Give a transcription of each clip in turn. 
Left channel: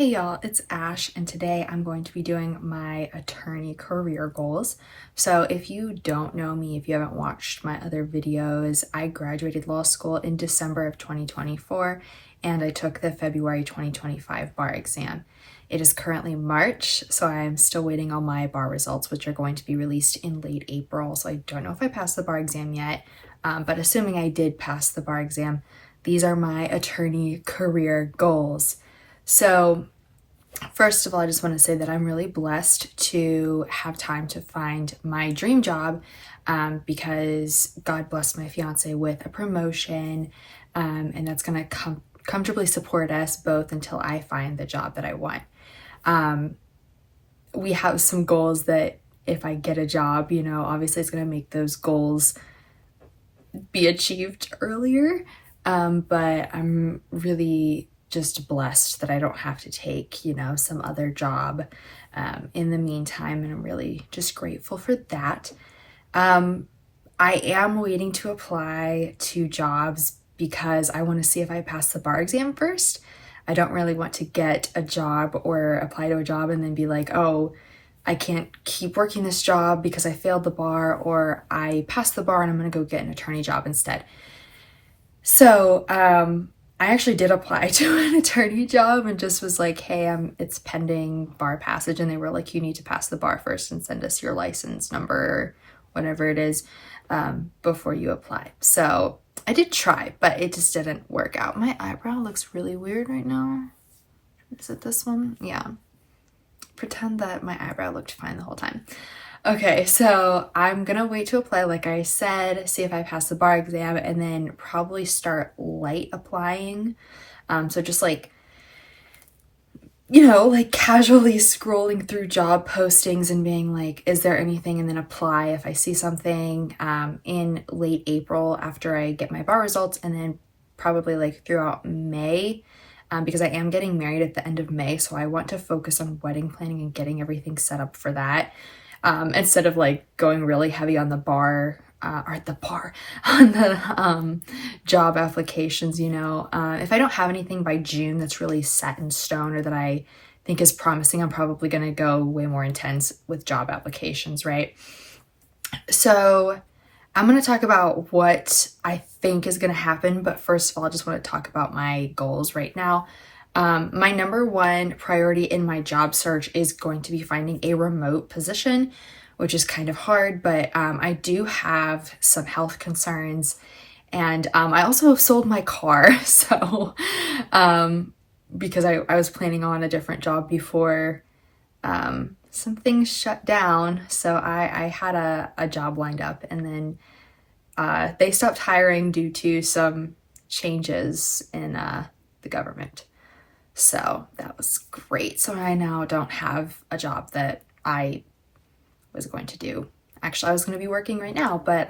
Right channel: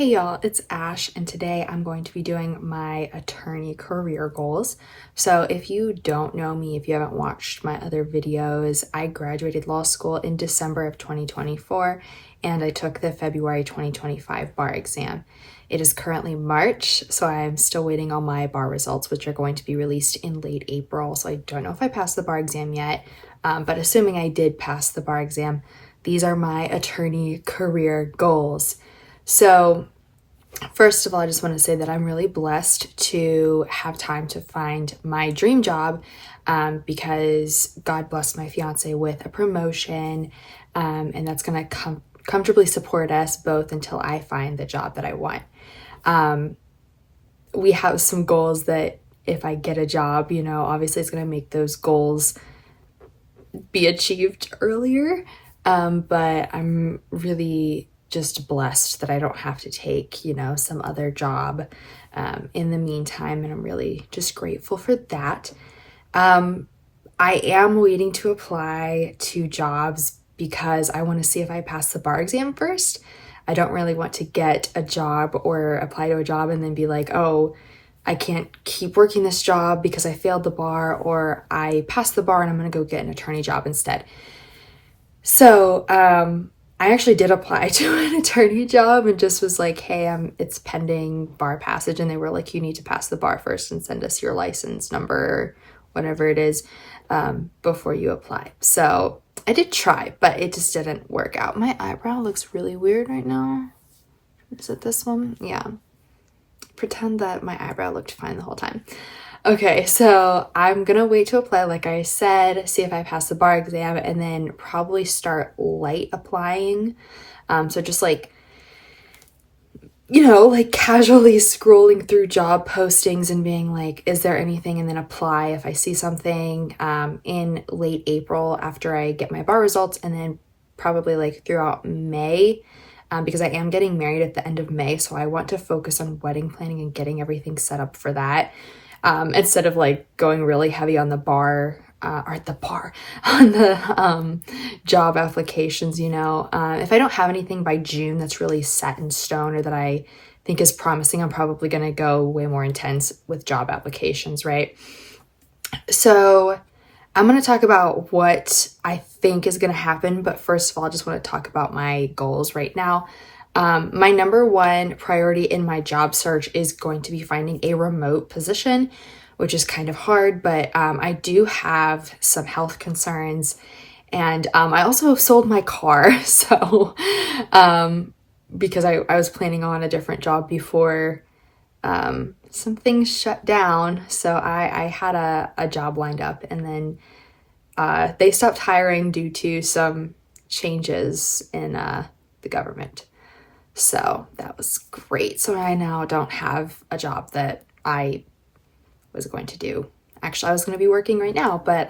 Hey y'all, it's Ash, and today I'm going to be doing my attorney career goals. So if you don't know me, if you haven't watched my other videos, I graduated law school in December of 2024, and I took the February 2025 bar exam. It is currently March, so I'm still waiting on my bar results, which are going to be released in late April. So I don't know if I passed the bar exam yet, but assuming I did pass the bar exam, these are my attorney career goals. So first of all, I just want to say that I'm really blessed to have time to find my dream job because God blessed my fiance with a promotion, and that's going to comfortably support us both until I find the job that I want. We have some goals that if I get a job, obviously it's going to make those goals be achieved earlier, but I'm really just blessed that I don't have to take, some other job in the meantime, and I'm really just grateful for that. I am waiting to apply to jobs because I want to see if I pass the bar exam first. I don't really want to get a job or apply to a job and then be like, oh, I can't keep working this job because I failed the bar, or I passed the bar and I'm going to go get an attorney job instead. So, I actually did apply to an attorney job and just was like, hey, it's pending bar passage. And they were like, you need to pass the bar first and send us your license number or whatever it is before you apply. So I did try, but it just didn't work out. My eyebrow looks really weird right now. Is it this one? Yeah. Pretend that my eyebrow looked fine the whole time. Okay, so I'm gonna wait to apply, like I said, see if I pass the bar exam, and then probably start light applying. So just like casually scrolling through job postings and being like, is there anything? And then apply if I see something in late April after I get my bar results, and then probably like throughout May. Because I am getting married at the end of May, so I want to focus on wedding planning and getting everything set up for that. Instead of like going really heavy on the job applications, if I don't have anything by June that's really set in stone or that I think is promising, I'm probably going to go way more intense with job applications, right? So I'm going to talk about what I think is going to happen, but first of all, I just want to talk about my goals right now. My number one priority in my job search is going to be finding a remote position, which is kind of hard, but I do have some health concerns, and I also sold my car. So because I was planning on a different job before some things shut down. So I had a job lined up, and then they stopped hiring due to some changes in the government. So that was great. So I now don't have a job that I was going to do. Actually, I was going to be working right now, but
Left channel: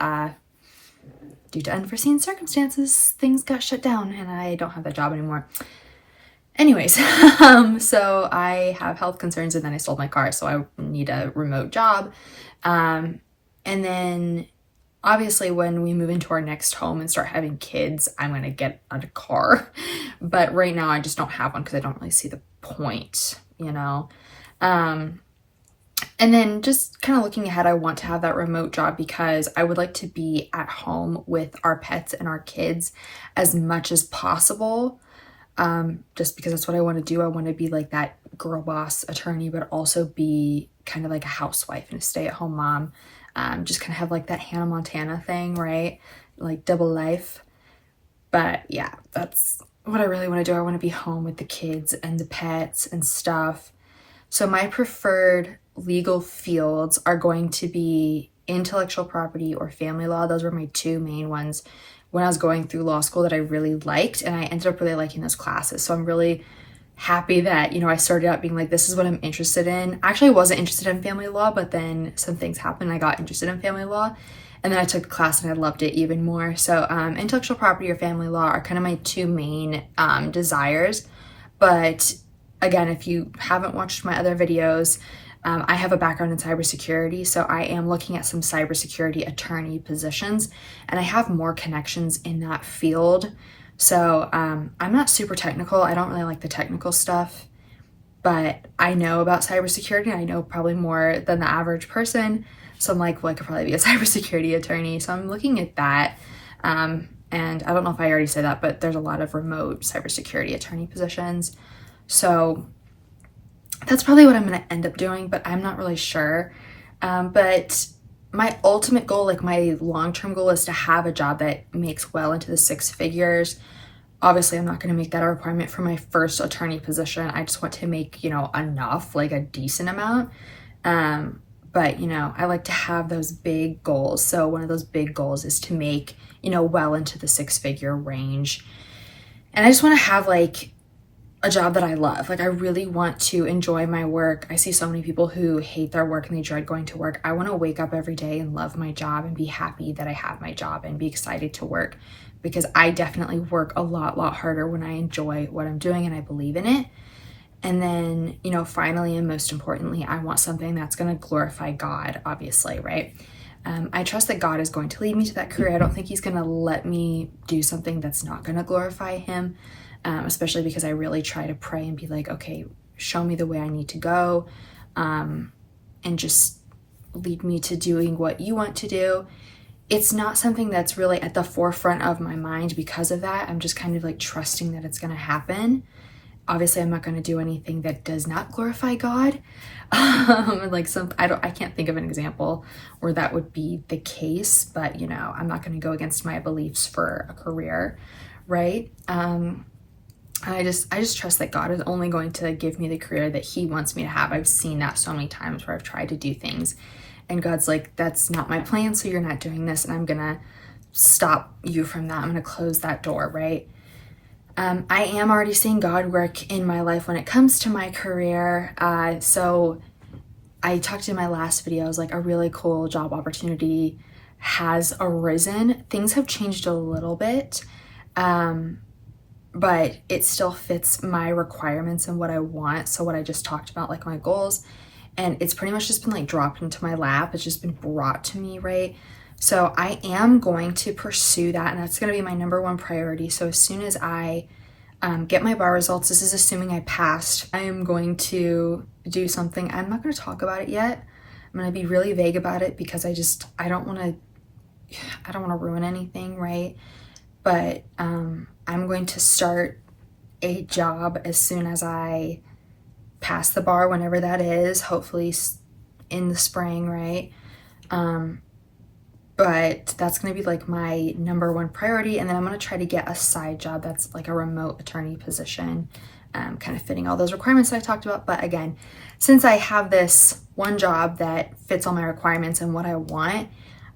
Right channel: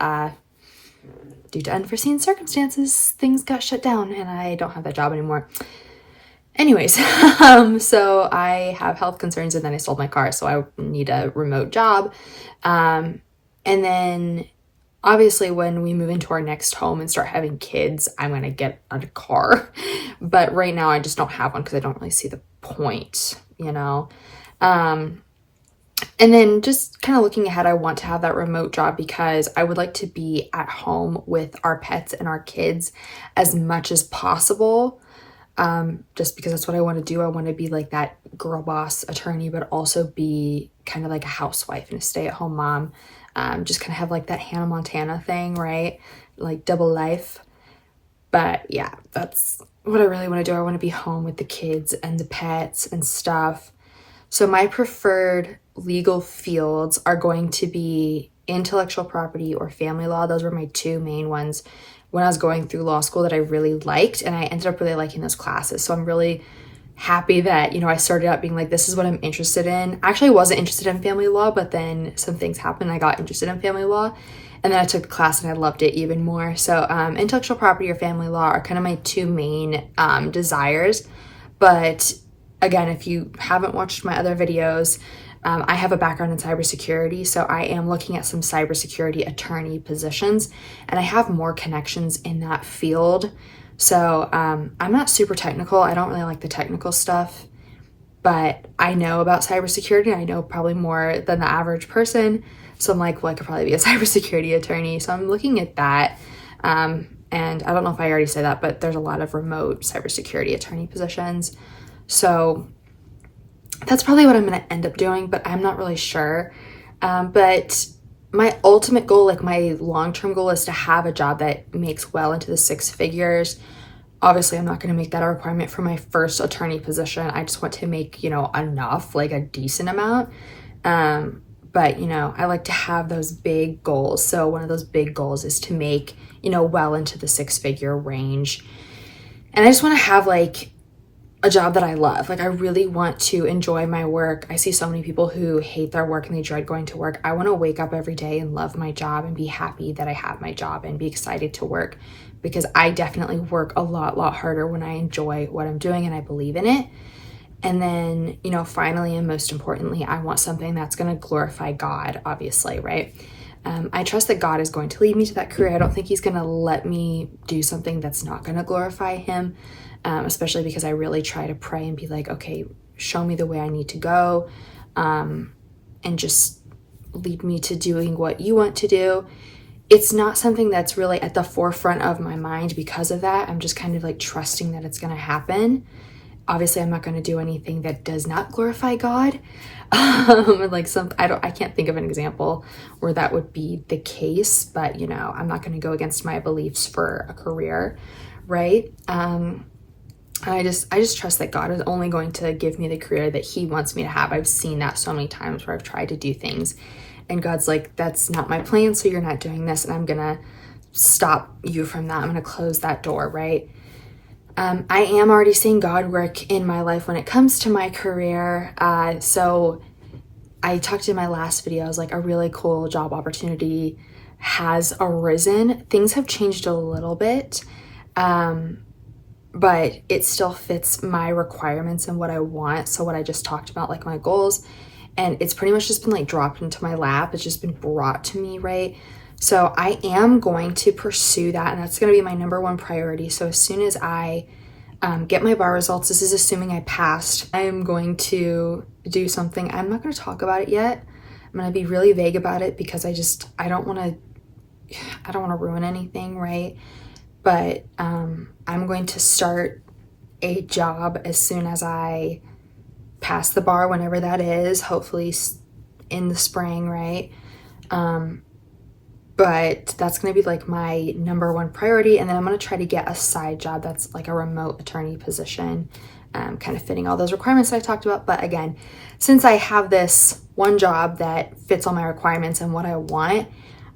due to unforeseen circumstances, things got shut down and I don't have that job anymore. Anyways, so I have health concerns, and then I sold my car, so I need a remote job. And then obviously, when we move into our next home and start having kids, I'm going to get a car. But right now, I just don't have one because I don't really see the point, And then just kind of looking ahead, I want to have that remote job because I would like to be at home with our pets and our kids as much as possible. Just because that's what I want to do. I want to be like that girl boss attorney, but also be kind of like a housewife and a stay-at-home mom. Just kind of have like that Hannah Montana thing, right? Like double life. But yeah, that's what I really want to do. I want to be home with the kids and the pets and stuff. So my preferred legal fields are going to be intellectual property or family law. Those were my two main ones when I was going through law school that I really liked, and I ended up really liking those classes. So I'm really happy that, I started out being like, this is what I'm interested in. Actually, I wasn't interested in family law, but then some things happened. I got interested in family law, and then I took the class and I loved it even more. So intellectual property or family law are kind of my two main desires. But again, if you haven't watched my other videos, I have a background in cybersecurity, so I am looking at some cybersecurity attorney positions, and I have more connections in that field. So I'm not super technical. I don't really like the technical stuff. but I know about cybersecurity. I know probably more than the average person. So I'm like, well, I could probably be a cybersecurity attorney. So I'm looking at that. And I don't know if I already said that, but there's a lot of remote cybersecurity attorney positions. So that's probably what I'm going to end up doing, but I'm not really sure. But my ultimate goal, like my long-term goal, is to have a job that makes well into the 6 figures. Obviously, I'm not going to make that a requirement for my first attorney position. I just want to make, enough, like a decent amount. But, I like to have those big goals. So one of those big goals is to make, well into the 6-figure range. And I just want to have like a job that I love. Like I really want to enjoy my work. I see so many people who hate their work and they dread going to work. I want to wake up every day and love my job and be happy that I have my job and be excited to work, because I definitely work a lot harder when I enjoy what I'm doing and I believe in it. And then, finally and most importantly, I want something that's going to glorify God, obviously, right? I trust that God is going to lead me to that career. I don't think he's going to let me do something that's not going to glorify him. Especially because I really try to pray and be like, okay, show me the way I need to go, and just lead me to doing what you want to do. It's not something that's really at the forefront of my mind because of that. I'm just kind of like trusting that it's going to happen. Obviously, I'm not going to do anything that does not glorify God. I can't think of an example where that would be the case, but I'm not going to go against my beliefs for a career, right? I just trust that God is only going to give me the career that he wants me to have. I've seen that so many times where I've tried to do things and God's like, that's not my plan, so you're not doing this, and I'm gonna stop you from that. I'm gonna close that door, right? I am already seeing God work in my life when it comes to my career. So I talked in my last video, I was like, a really cool job opportunity has arisen. Things have changed a little bit. But it still fits my requirements and what I want. So what I just talked about, like my goals, and it's pretty much just been like dropped into my lap. It's just been brought to me, right? So I am going to pursue that, and that's going to be my number one priority. So as soon as I get my bar results, this is assuming I passed, I am going to do something. I'm not going to talk about it yet. I'm going to be really vague about it because I don't want to ruin anything, right? But I'm going to start a job as soon as I pass the bar, whenever that is, hopefully in the spring, right? But that's going to be like my number one priority. And then I'm going to try to get a side job that's like a remote attorney position, kind of fitting all those requirements that I talked about. But again, since I have this one job that fits all my requirements and what I want,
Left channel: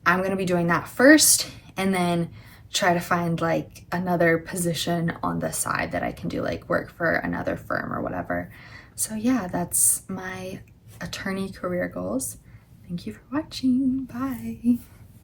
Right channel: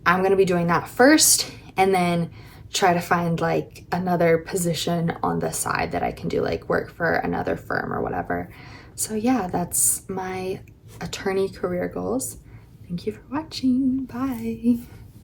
I'm going to be doing that first, and then try to find like another position on the side that I can do, like work for another firm or whatever. So yeah, that's my attorney career goals. Thank you for watching. Bye.